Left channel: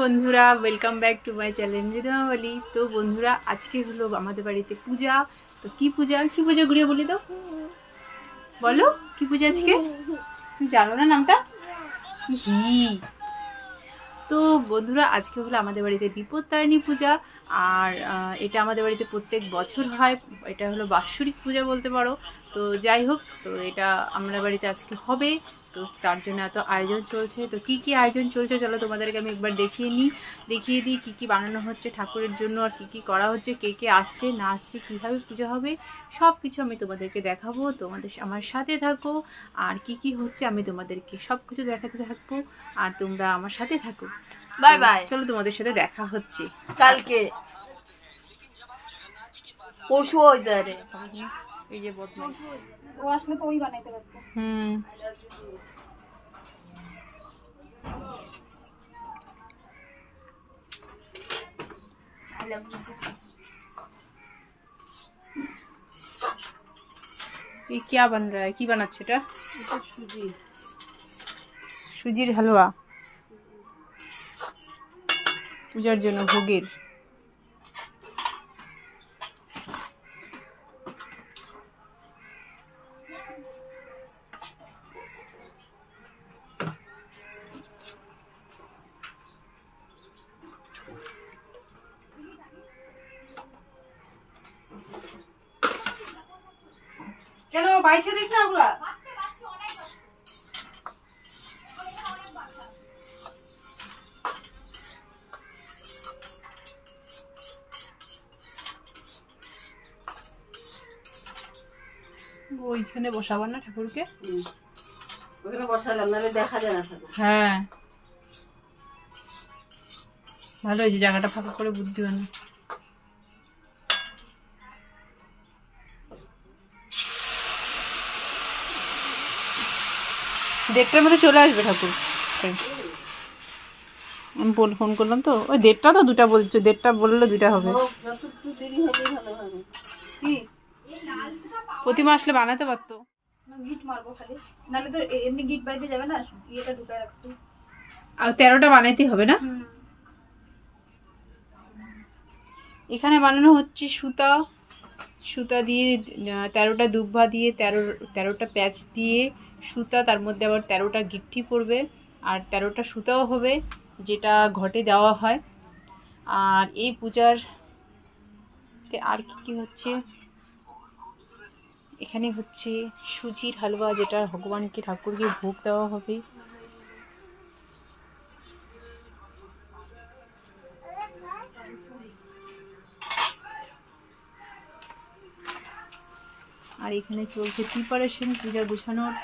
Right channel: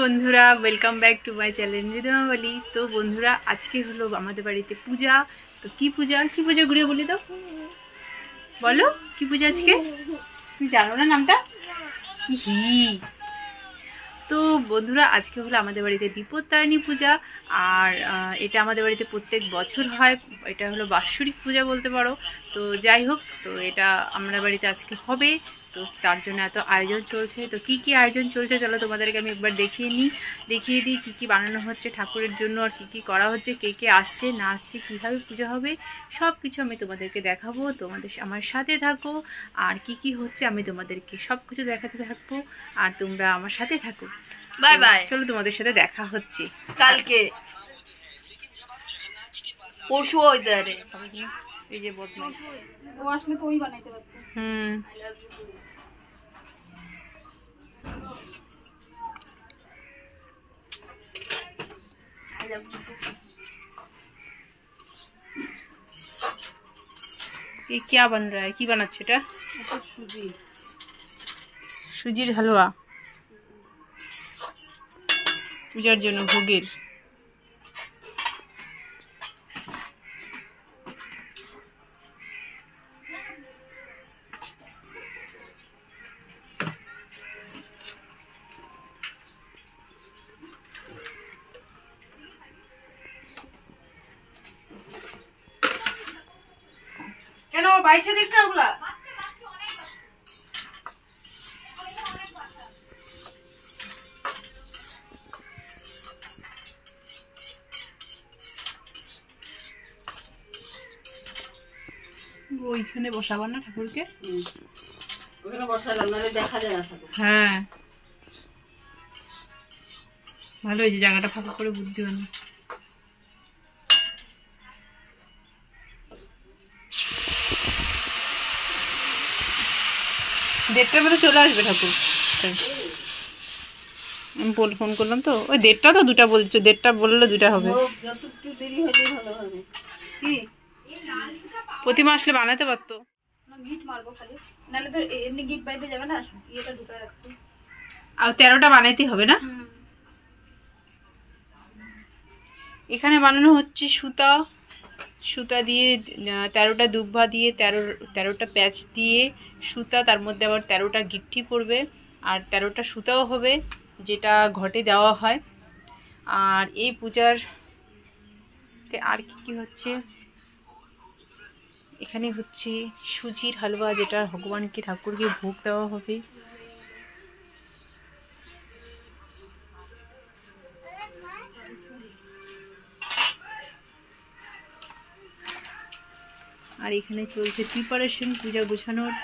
বন্ধুরা, welcome back to my channel মৃদুমা বলি। তো বন্ধুরা, আজকে হলো আমাদের বাড়িতে পূজা। তো কি পূজা ঘুরিয়ে বলে দাও, বলো কি পূজা আজকে? তুমি জানো না নামটা? হি। তো বন্ধুরা, আজকে হলো আমাদের বাড়িতে বিপত্তারিণী পূজা। আর এটা আমাদের বাড়িতে প্রত্যেক বছর হয়। এটা হলো বাৎসরিক পূজা বলতে পারো। তো যাই হোক, তো এটা আমাদের বাড়িতে আজকে হবে। তো তার জন্য এত আয়োজন চলছে। তো কি কি আয়োজন চলছে চলো তোমাদেরকে আমি একবার দেখিয়ে দিই কি কি বানানো হচ্ছে ঠাকুরের জন্য, আর কি কি করা হচ্ছে, কে কে আসছে না আসছে, কীভাবে পুজো হবে, সব কিছু আমি তোমাদেরকে দেখাবো। আমার সাথে থাকো। আর কি কি হচ্ছে আমি তোমাদেরকে সব কিছু দেখাতে থাকবো, আর তোমরা আমার সাথে থাকো। Bye bye. চলো তোমাদের সাথে দেখা হচ্ছে কালকে, পরশু ওইদারে এই যে বদমাইশ ও আসলে তো ওই বানাইতে পারতো। ये क्या बन रहा है? কি বানাচ্ছে এটা? সুজির হালুয়া পূজার জন্য ভোগের। কেন বাইছে দেখতে ওগুলা? ওইখানে বসাবো না ঠাকুরকে? ওখানে বসালাম, নাহলে দেখা যায় না ঠাকুর। হ্যাঁ, ভালো হয়েছে, জায়গাটা ফাঁকা করে বুদ্ধি বানি। দেড়টার মধ্যে চলে আসবে ঠাকুর। আমি ফোন করলাম তো, ওই দেড়টা তো দুটা বলছো, দেড়টা বললে দুটা হবে। প্রতিমা আসলে বানাতে পারতো। গিট মারবো খালি, নাহলে তো এমনি গিট বাইতে যাবে না। ইয়েটা ঢুকায় রাখছি। আর 13টা বানাইতে হবে না? এখানে বানানো হচ্ছে সুতা দিয়ে, 13টা দুব্বা দিয়ে, 13টা প্যাচ দিয়ে সুতা, তার মধ্যে আবার 13টা গিট্টি পড়বে, আর 13টা সুতাও হবে, যেটা ঘটে দেওয়া হয়। আর এই পূজার আর কি হচ্ছে, এখানে হচ্ছে সুজির হালুয়া, যেটা ভগবানকে ঠাকুরকে ভোগ দেওয়া হবে। আর এখানে চলছে প্রিপারেশন পূজা গোছানোর।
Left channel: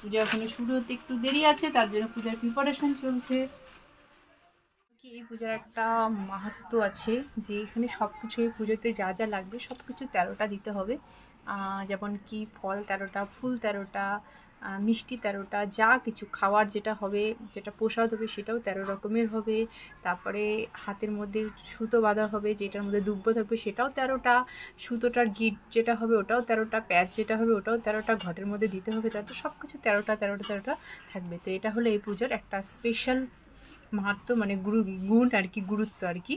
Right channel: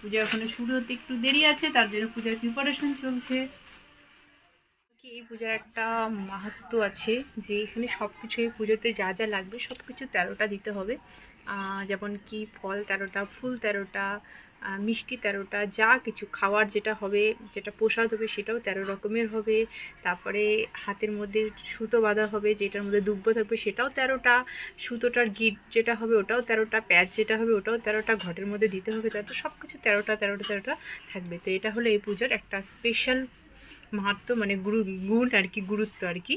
পূজা এখনো শুরু হতে একটু দেরি আছে, তার জন্য পূজার প্রিপারেশন চলছে। এই পূজার একটা মাহাত্ম্য আছে, যে এখানে সব কিছু, এই পুজোতে যা যা লাগবে সব কিছু 13টা দিতে হবে। যেমন কি ফল 13টা, ফুল 13টা, মিষ্টি 13টা, যা কিছু খাওয়ার যেটা হবে, যেটা প্রসাদ হবে সেটাও 13 রকমের হবে। তারপরে হাতের মধ্যে সুতো বাঁধা হবে, যেটার মধ্যে দুব্ব থাকবে সেটাও 13টা, সুতোটার গিট যেটা হবে ওটাও 13টা, প্যাচ যেটা হবে ওটাও 13টা, ঘটের মধ্যে দিতে হবে, তো সব কিছু 13টা থাকবে। তো এটা হলো এই পুজোর একটা স্পেশাল মাহাত্ম্য, মানে গুণ আর কি, গুরুত্ব আর কি।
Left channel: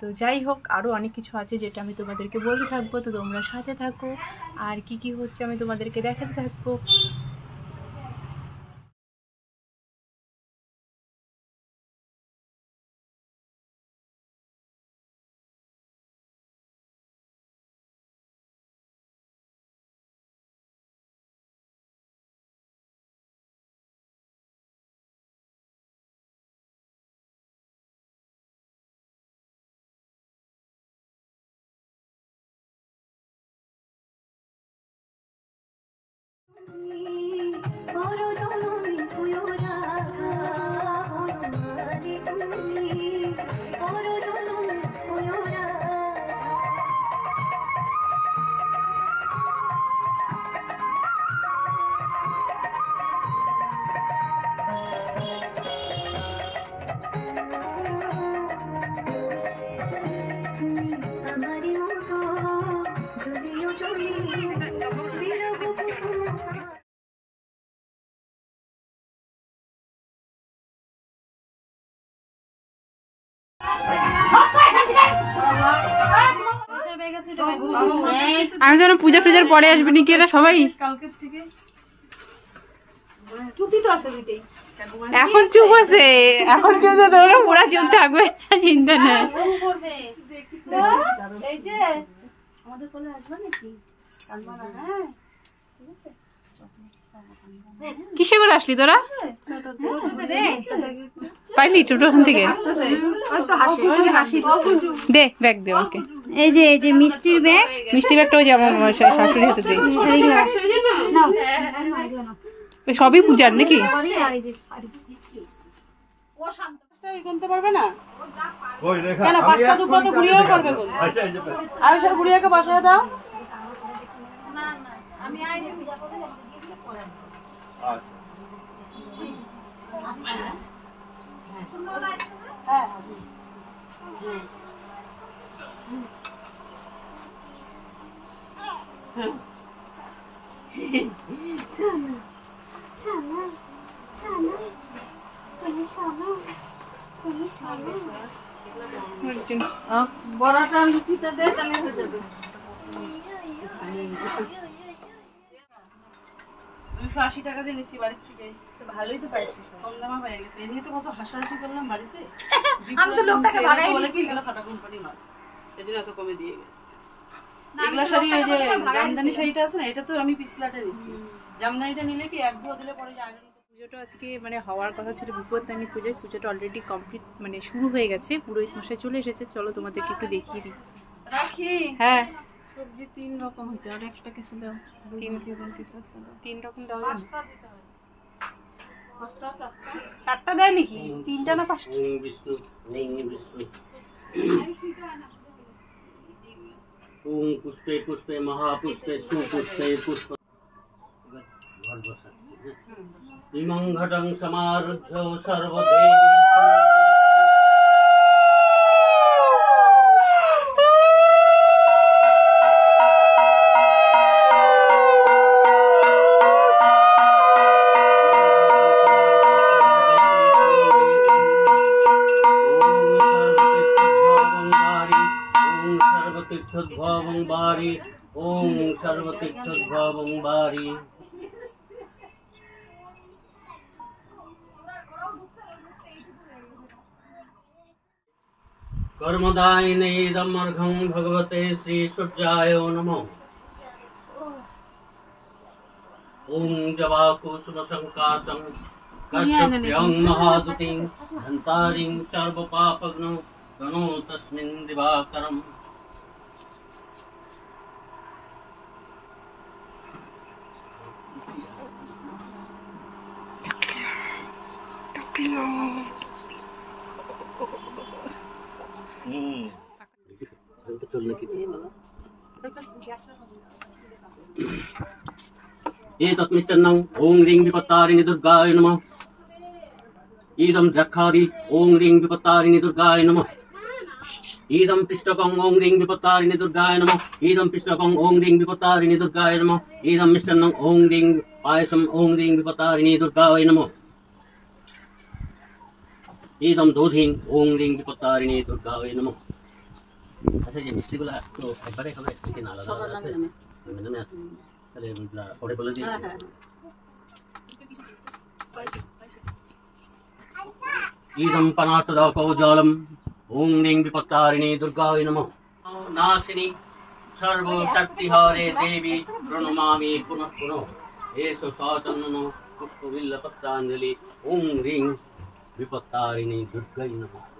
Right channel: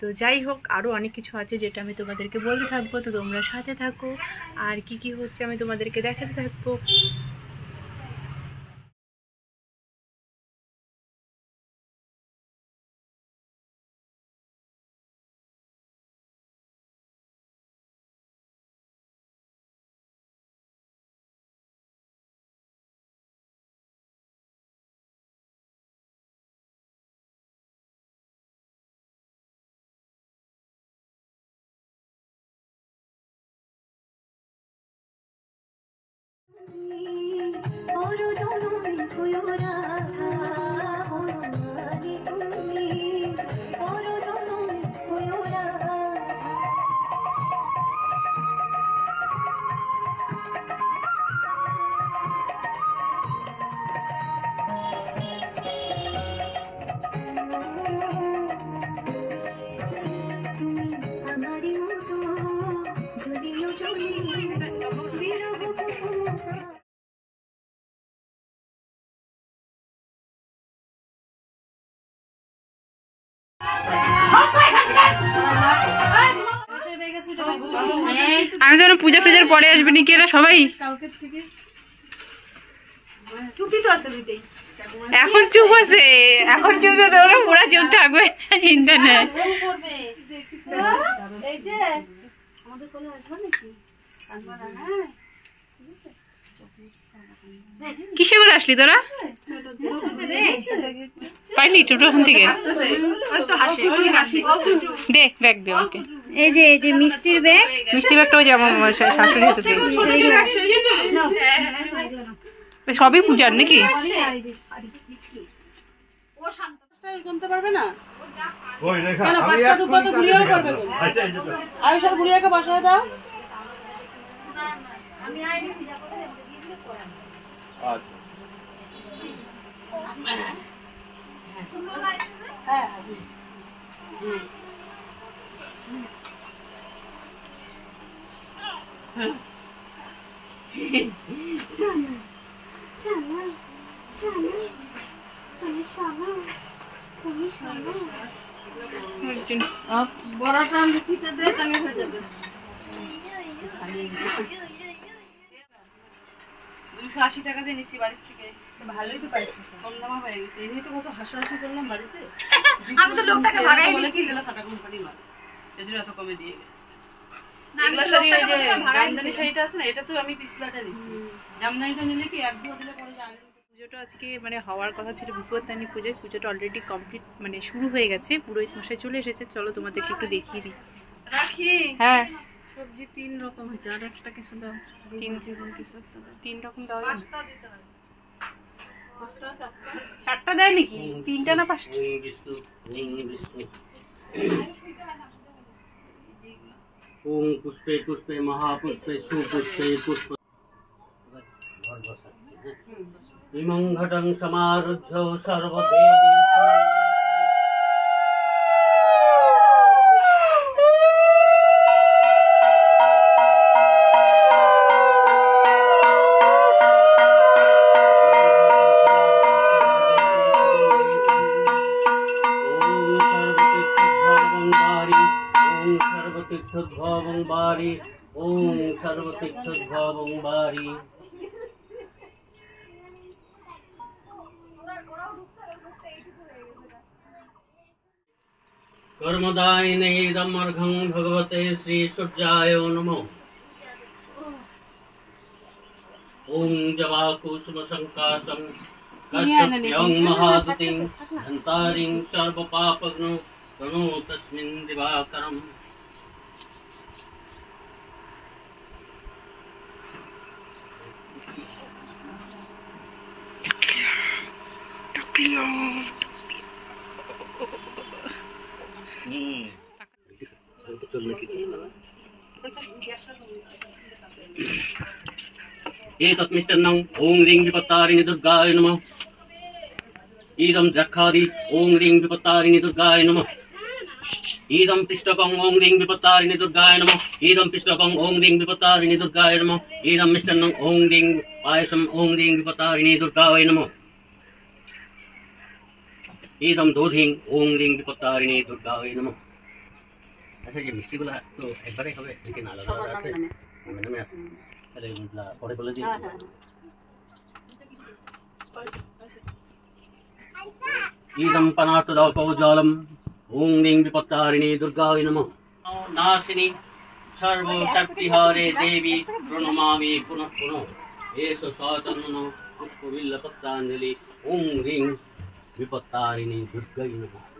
তো যাই হোক, আরও অনেক কিছু আছে যেটা আমি তোমাদেরকে বলতে থাকবো। তো তোমরা সাথে থাকো, আর কি কি হচ্ছে আমি তোমাদেরকে দেখাতে থাকবো। গেছে এটা আমি যেন পূজা টুজার পরে আসবে নাকি এরা সবাই? চুপি তো আছে দুইটাই। এখন চুপ আছে, এখন চুপ আছে, ওরা পুরা চুপ থাকবে, চিন্তা নেই। এই যে আমাদের কোলে আসবে নাকি? কিসে করে আসলি তোরা? পাইলি টোটো ওখান থেকে? দে ব্যাগ দে ওকে। এই যে মিষ্টির ব্যাগ, মিষ্টি ব্যাগটা ওই যে আমার শাশুড়ি হাতে দিয়ে সবই পূজার নাকি? গুনতে পারবে না কেন? 5টা দুপুর তো ঘুরিয়েও পারবে কোন? আয়ুষার ঘুরিয়াকে বসায় দাও। বড়াটা লুচিতে দে, তাহলে হয়ে যাবে। 280 টাকা দিয়ে নিছি বাড়ি থেকে। ভালোই তো পাইছো। কম দামা পেয়ে গেছে। এই নিয়ে তো কত হাসাহাসি করলাম বাড়িতে। আমি তো লোকটাকে ভাগাই দিয়েছি। এগুলা ফাটা কোম্পানি মাল, এজন্য এত কমে দিয়ে গেছে। এগুলা শাড়ি ওই যে জামদানি শাড়িটা আছে না, এটা তো আমি পিছলাটা নিছি। জামদানিটা নিলে কি 1-2 দিলে পরে যায় না। পুজোটা আজকে মানে হওয়ার কথা ছিল বিপত্তারিণী পুজোয়, পুজোটা অলরেডি কমপ্লিট মানে শুরু হয়ে গেছে, পুরোহিত মশাই চলে এসেছে। চলো তোমাদেরকে একটু দেখিয়ে দিই। রাখি। হ্যাঁ সবজি 3 রকম হয়েছে, আর একটা কিছু দাও। 3 রকম দাও। 5টা দিতে হয়। 4টা দেয় নাকি? 3টা না 5টা? ओम पुष्पे पुष्पे महापुष्पे सुपुष्पे पुष्प इमं घटं समारुह्य सर्वदेवी सर्वतीर्थोद्भवं वारी ओम सर्वतीर्थोद्भवं वारी। कर्मदायिने इदमर्घं भगवते श्री सूर्याय नमो। ओम जवाकुसुमशङ्कासं कश्यप्यं महादुतिं धन्तारिं सर्वपापघ्नो प्रणो तस्मिन् दिवाकरम्। एतत् मिष्टान्नं ओं ह्रीं विपत्तारिणि दुर्गाय नमः। इदं द्राक्षादि ओं ह्रीं विपत्तारिणि दुर्गाय नमः। इदं पिष्टकं ओं ह्रीं विपत्तारिणि दुर्गाय नमः। इदं पिष्टकं ओं ह्रीं विपत्तारिणि दुर्गाय नमः। इदं मिष्टान्नं ओं ह्रीं पायसं ओं ह्रीं विपत्तारिणि दुर्गाय नमः। इदं दोधिं ओं ह्रीं विपत्तारिणि दुर्गाय नमः। अच्छा ये मिष्टिগুলো তো একবারে হবে চিকেন আলাদা আলাদা আছে নামে আছে তাহলে এগুলা পরে বলে দিই। इदं पनातदाकौजालं ओं ह्रीं विपत्तारिणि दुर्गाय नमः। नाशिनी सर्वशक्तिहारे देवी प्रणमामि पुनः पुनः। एष साचन्दनो पुष्पबिल्लपत्राञ्जलि ओं ह्रीं विपत्तारिणि दुर्गाय नमः।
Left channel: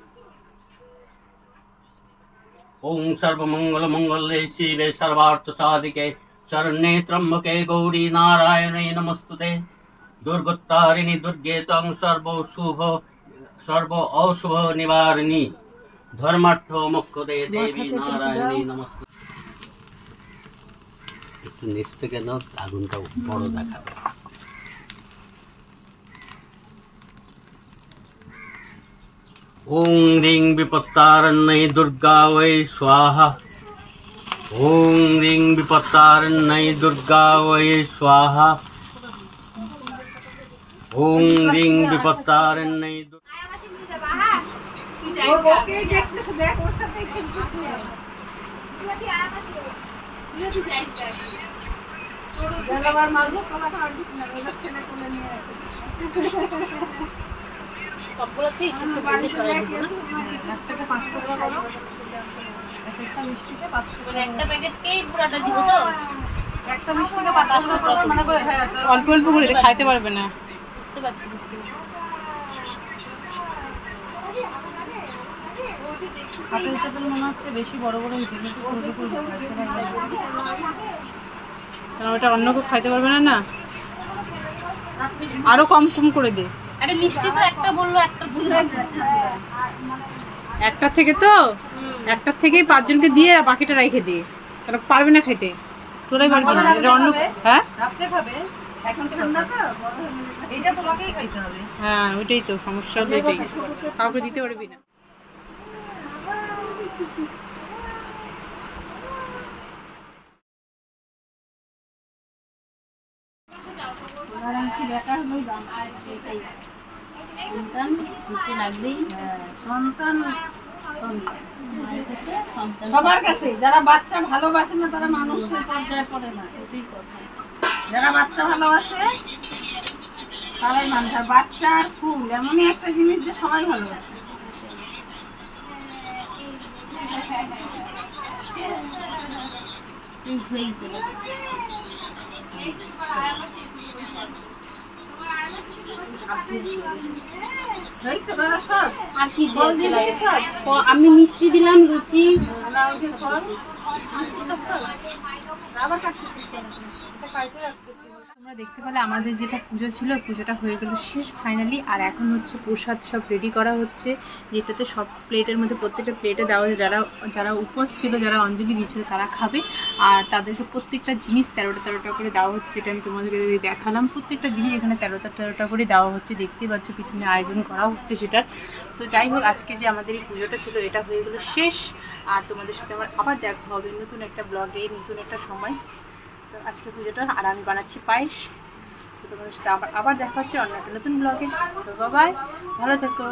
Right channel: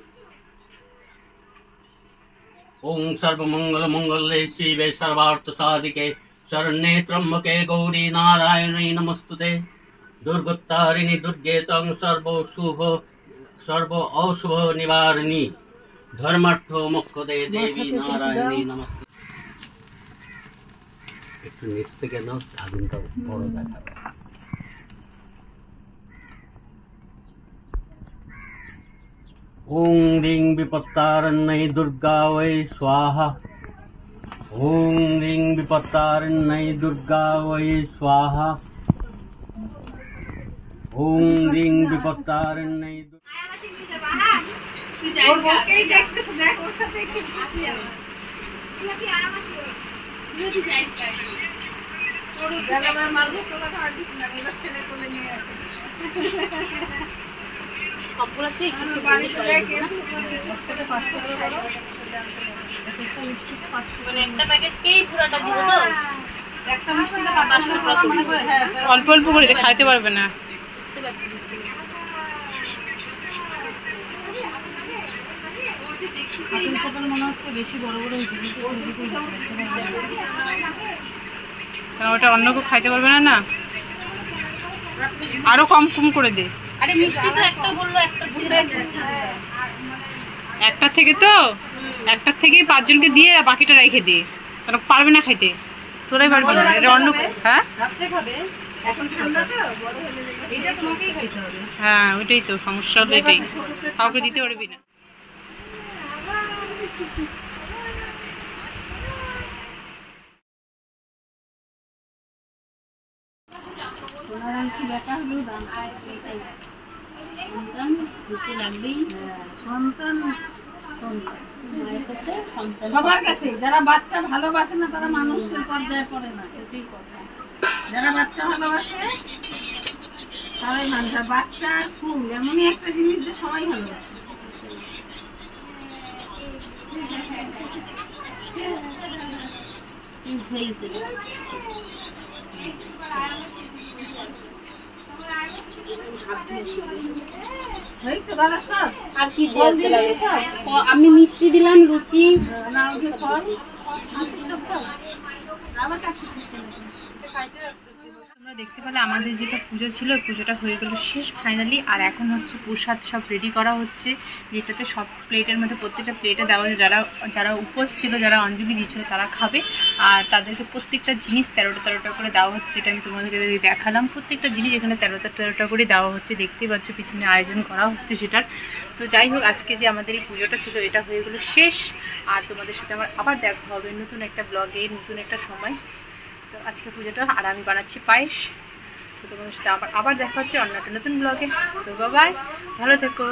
ओं सर्वमङ्गलमङ्गले शिवे सर्वार्थसाधिके शरण्ये त्र्यम्बके गौरी नारायणी नमस्तुते। दुर्गोत्तारिणि दुर्गे तं सर्व अशुभ निवारिणी धर्मार्थ मोक्षदे देवी नारायणी नमस्ते। একটু নিচ থেকে নাও, আগুনটা বড় দেখাবে। ओं ह्रीं विपत्तारिण्यै दुर्गा वै स्वाहा। ओं ह्रीं विपत्तारिण्यै दुर्गा वै स्वाहा। ओं ह्रीं विपत्तारिण्यै সবগুলোতে একটু একটু করে সবাই দিব না? মানে একটা প্যাকেটকেই পুরোটা দিব তো? একটা মিষ্টিকে 500 টাকা মানে করে, হ্যাঁ অল্প অল্প করে দে, খাইতে পারবে না। বুঝতে পারছি। আপেল চাপেল মনে হচ্ছে বেশি বড় বড় হয়েছে, কিন্তু ছোট ছোট হয়েছে। কারণ ওটা অন্য কেউ খাইতে পারবে না না, আরো কম কম করে দে। আরে মিষ্টি তো একটা বললো, একটা ছিল। একটা থেকে তো একটার থেকেই 5 জনকে দিয়ে বাকিটা রেখে দে, কারণ পারবে না খাইতে, তোরাই পারবি না। এটা অন্য, হ্যাঁ রাত্রে খাবে, এখন ঠান্ডাতে বড় হলে এইটা তোমাকেই খাইতে হবে। হ্যাঁ ওইটাই তো সমস্যা, হলো এটাই, কাউকে দিতে পারবি না। তোমার আর কি বেটা হলো এটাই সন্তান দিতে লাগবেই। সন্তান মায়ের কাছে সন্তান সবার কাছে, যারা বাচ্চা ভালোবাসে না তারা মানুষের পর্যায়ে পড়ে না। এটাই কথা। যারা বাচ্চা ভালোবাসে তারাই মানুষ। আর বাচ্চা আর ফুল এমনই একটা জিনিস যে সবাই ভালোবাসে। হয়েছে হয়েছে বাবা সব? আর কি ফল দিয়ে দিয়ে দিবি সব? আমি মিষ্টি দিলাম, লুচি না ওই যে ফল মিষ্টি সব তো? আবার কাটতেছিস কেন? তোমরা দেখতে পেলে আমাদের যেটা পুজো ছিল, পুজোটা হয়ে গেল শেষ ফাইনালি। আর এখন হচ্ছে প্রসাদ সব রেডি করা হচ্ছে, যেটাতে সব প্লেটের মধ্যে প্রত্যেকটা প্লেটে দেওয়া হচ্ছে। যারা যারা উপোস ছিল, যারা অঞ্জলি দিয়েছিল তারা খাবে, আর তাদেরকে প্রত্যেকটা জিনিস 13টা করে দেওয়া হচ্ছে, যেটা আমি তোমাদেরকে দেখালাম। প্রত্যেকটা জিনিস এখানে 13টা করে দেওয়া হচ্ছে, দেখতেই পাচ্ছ পিছনে আয়োজন করা হচ্ছে সেটার। তো যাই হোক, আজকে যে আমাদের এই পুজোটা ছিল এটা হয়ে গেলো শেষ। আর তোমাদের সাথে আমার আবার দেখা হবে নতুন একটা ব্লগে, নতুন একটা সময়। তো আজকে পুজোটা, আর আমি বানাচ্ছি পায়েস। তো তোমাদের সাথে আবার দেখা হচ্ছে অন্য একটা নতুন ব্লগে। সো বাই, ভালো থেকো।